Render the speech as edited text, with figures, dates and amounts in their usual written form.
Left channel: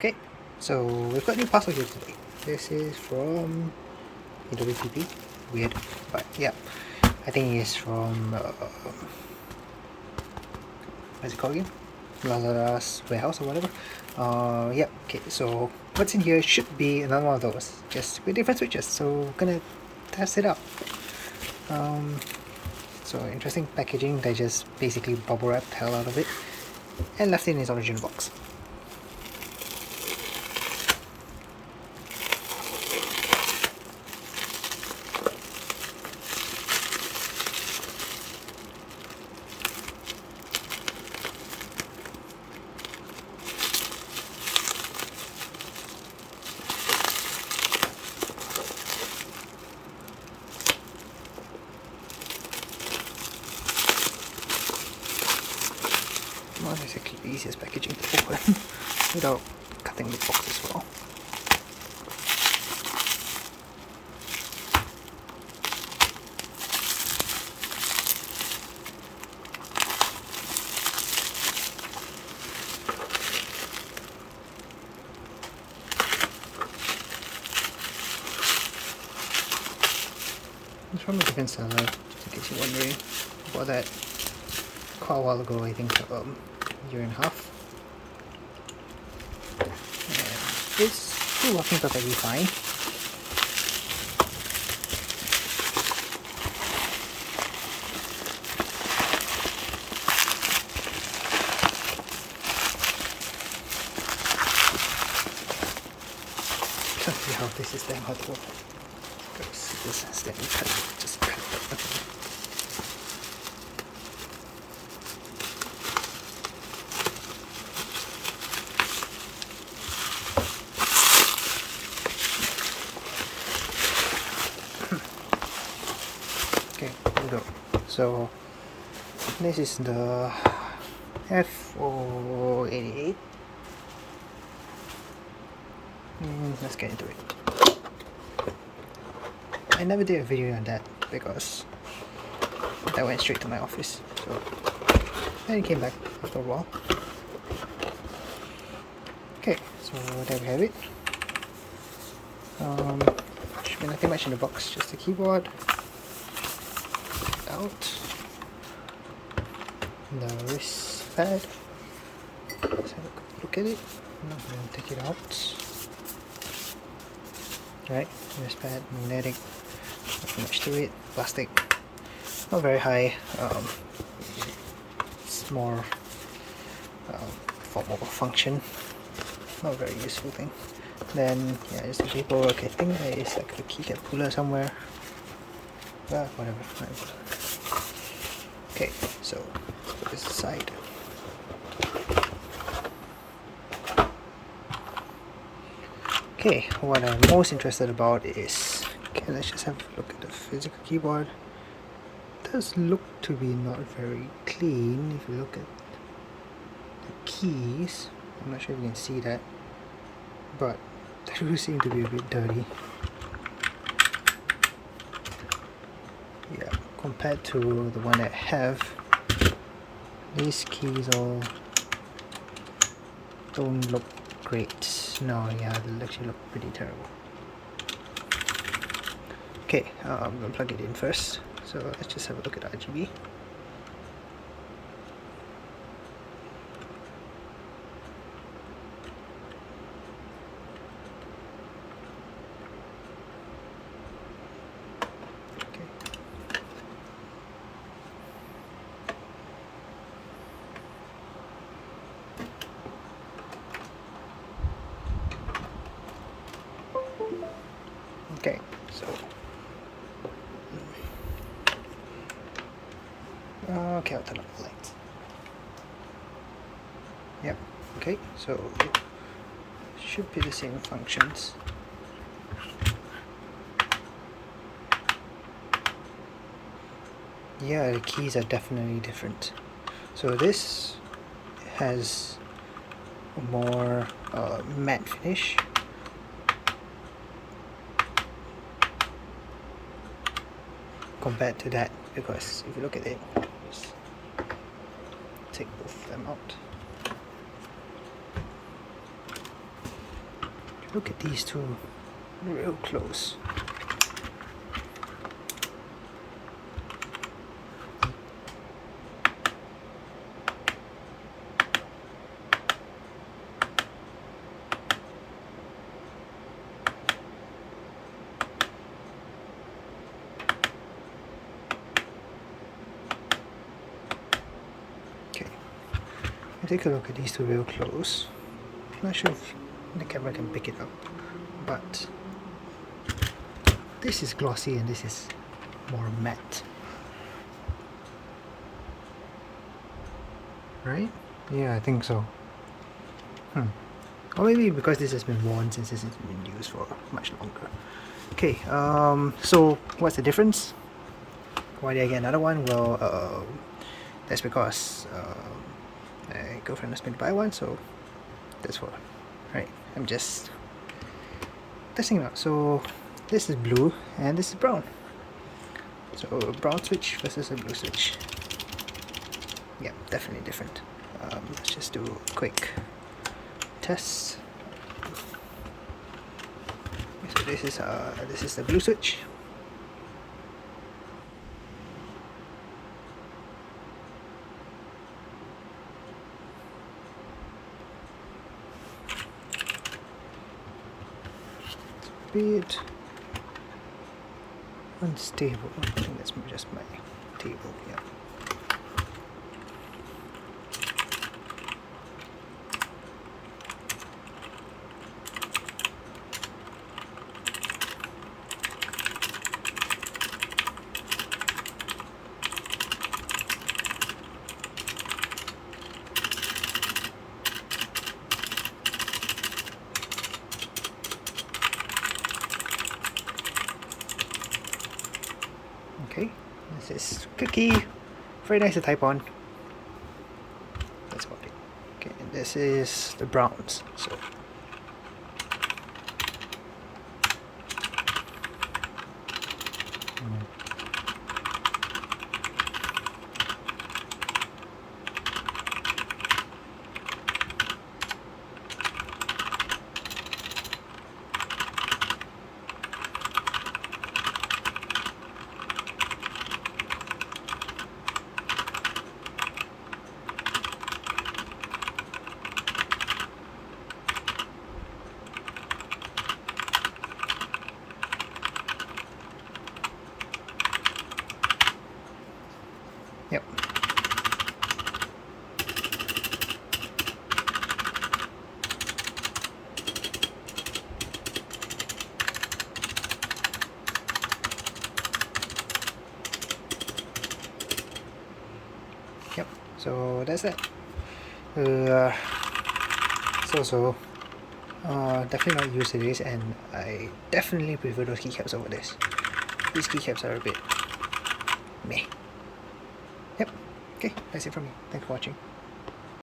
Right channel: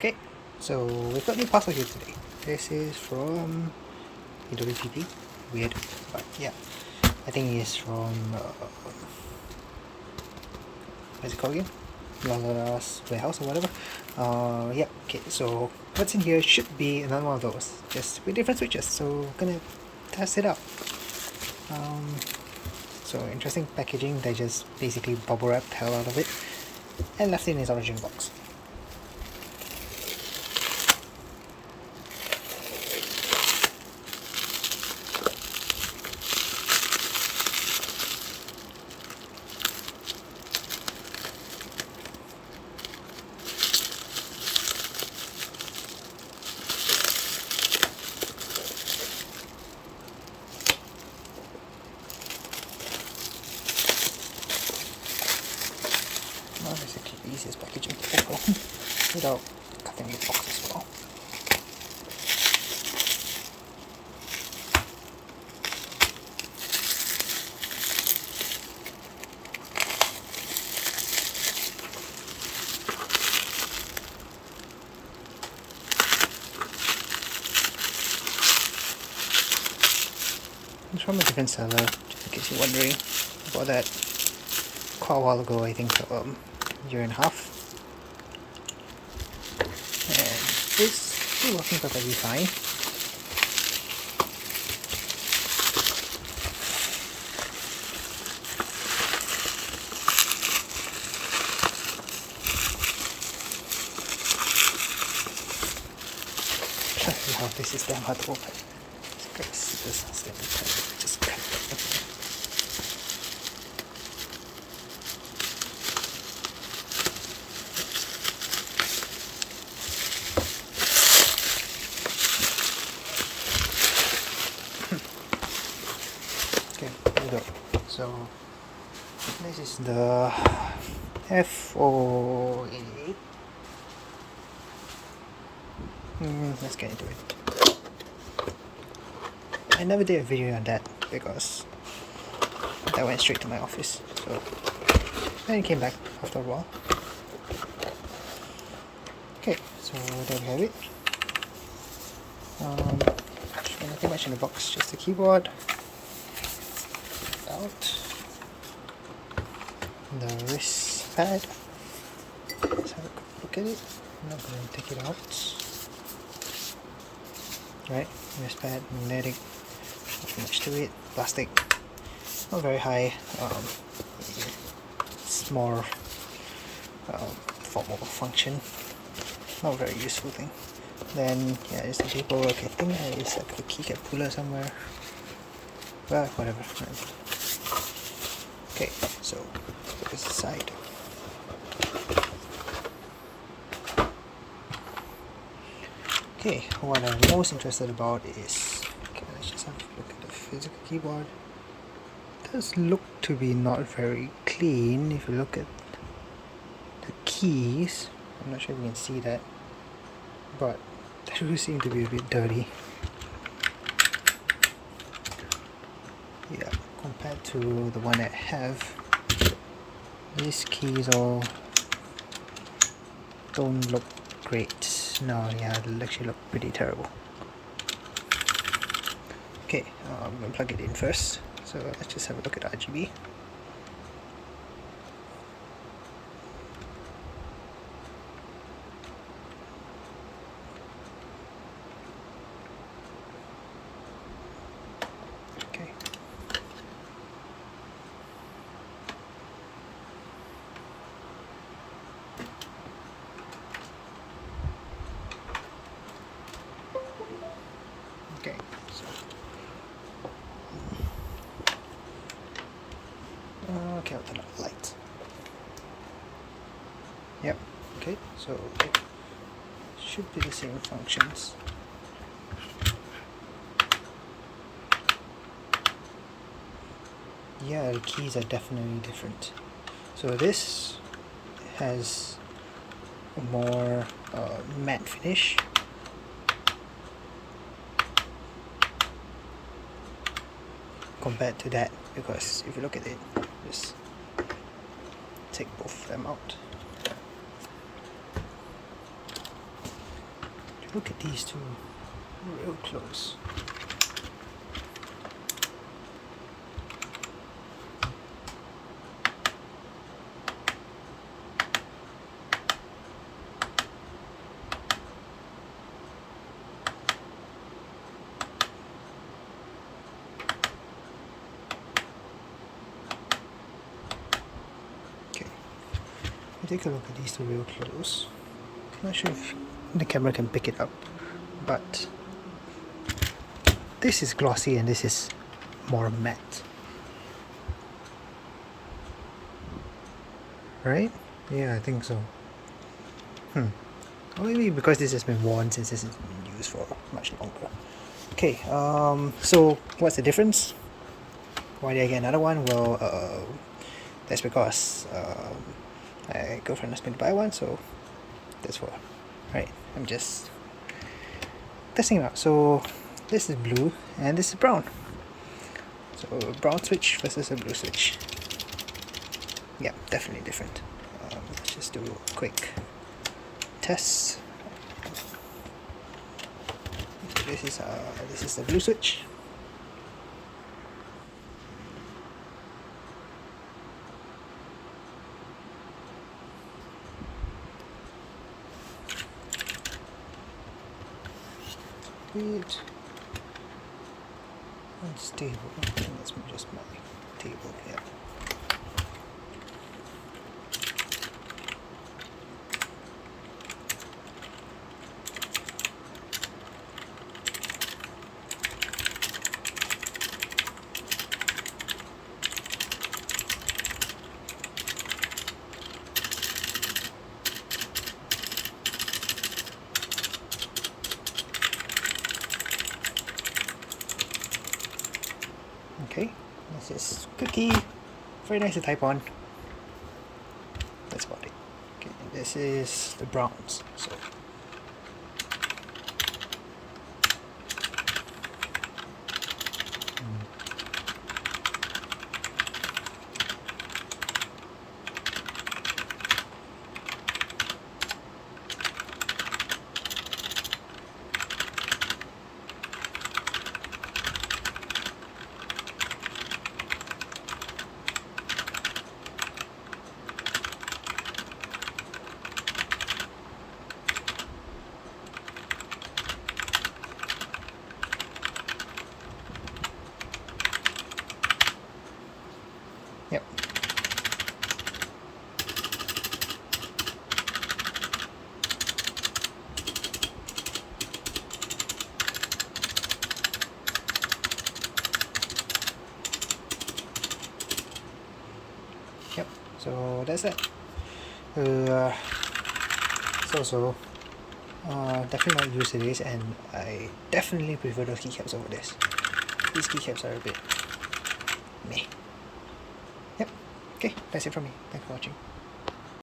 Okay, so we've got a new parcel here today. This is from AWTP. Weird, but yeah, I think it's from what's it called again? Lazada's warehouse or whatever. Yeah. Okay, so what's in here should be another one of those, just with different switches. So we're gonna test it out. So interesting packaging. They just basically bubble wrapped the hell out of it and left it in its original box. Not exactly the easiest packaging to open without cutting the box as well. It's from a different seller, just in case you're wondering about that. Quite a while ago, I think a year and a half. And it's still working perfectly fine. Yeah, this is damn hard to open. This has to just cut it. Okay, here we go. So this is the F2058. Let's get into it. I never did a video on that because that went straight to my office. So then it came back after a while. Okay, so there we have it. Should be nothing much in the box, just the keyboard. Out. The wrist pad. Let's have a quick look at it. I'm not going to take it out. Right, wrist pad, magnetic, nothing much to it. Plastic, not very high. It's more for mobile function, not a very useful thing. Then yeah, it's the paperwork. I think there is like a keycap puller somewhere. Well, whatever. Okay, so put this aside. Okay, what I'm most interested about is, okay, let's just have a look at the physical keyboard. It does look to be not very clean if you look at the keys. I'm not sure if you can see that, but they do seem to be a bit dirty. Yeah, compared to the one I have, these keys all don't look great. No, yeah, they actually look pretty terrible. Okay, I'm gonna plug it in first. So let's just have a look at RGB. Okay. Okay, so okay, I'll turn off the lights. Yep. Okay, so should be the same functions. Yeah, the keys are definitely different. So this has a more matte finish. Compared to that, because if you look at it, just take both of them out. Look at these two real close. Okay, take a look at these two real close. Not sure if the camera can pick it up, but this is glossy and this is more matte, right? Yeah, I think so. Or maybe because this has been worn since this has been used for much longer. Okay, so what's the difference? Why did I get another one? Well, that's because my girlfriend asked me to buy one, so that's what. Right, I'm just testing it out. So this is blue and this is brown. So a brown switch versus a blue switch. Yeah, definitely different. Let's just do a quick test. So this is the blue switch. Bit unstable. I think that's just my table here. Okay, this is cookie, very nice to type on. That's about it. Okay, and this is the browns. So yep. Yep, so that's it. So definitely not used to this, and I definitely prefer those keycaps over this. These keycaps are a bit meh. Yep, okay, that's it from me. Thanks for watching.